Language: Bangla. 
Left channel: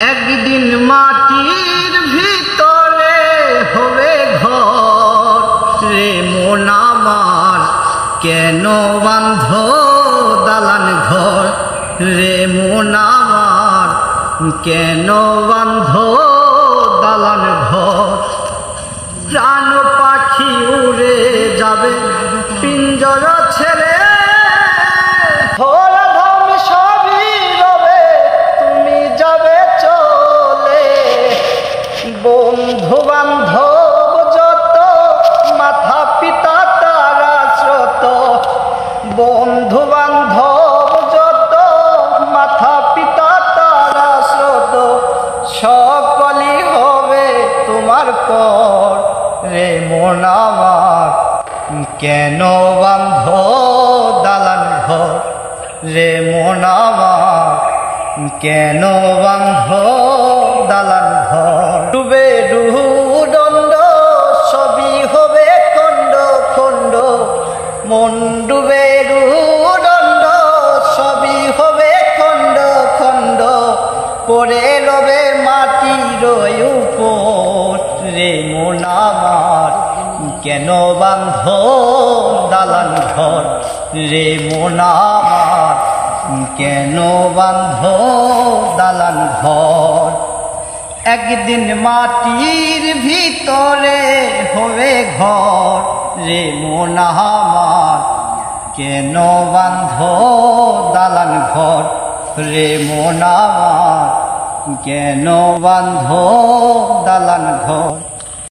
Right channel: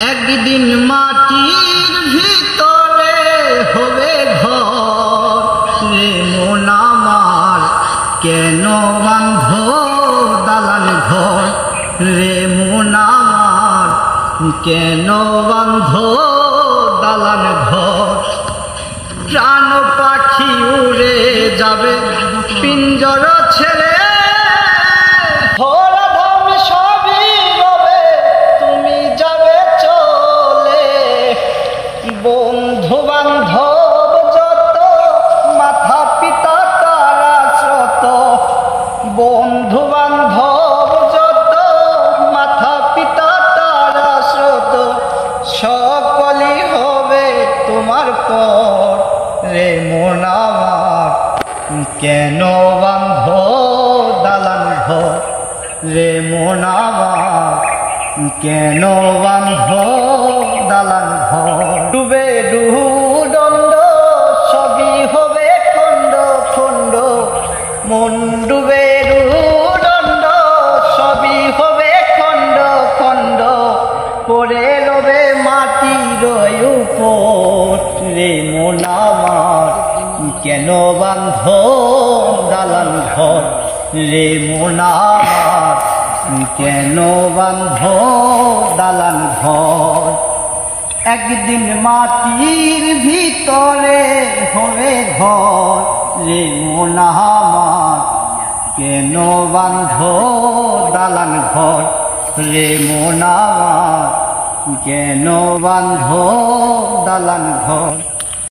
একদিন মাটির ভিতরে হবে ঘর রে মন আমার, কেন বাঁধ দালান ঘর রে মন আমার, কেন বাঁধ দালান ঘর। প্রাণ পাখি উড়ে যাবে পিঞ্জর ছেড়ে, ধরাধাম সবই রবে তুমি যাবে চলে। বন্ধু বান্ধব যত মাথা পিতা তারা স্রোত, বন্ধু বান্ধব যত মাথা পিতা তারা স্রোত, সকলই হবে তোমার পর রে মন আমার, কেন বাঁধ দালান ঘর রে মন আমার, কেন বাঁধ দালান ঘর। ডুবে দণ্ড সবই হবে খণ্ড খণ্ড, মন ডুবে দণ্ড সবই হবে খণ্ড খণ্ড, পড়ে রবে মাটির উপর রে মন আমার, কেন বাঁধ দালান ঘর রে মন আমার, কেন বাঁধ দালান ঘর। একদিন মাটির ভিতরে হবে ঘর রে মন আমার, কেন বাঁধ দালান ঘর রে মন আমার, কেন বাঁধ দালান ঘর।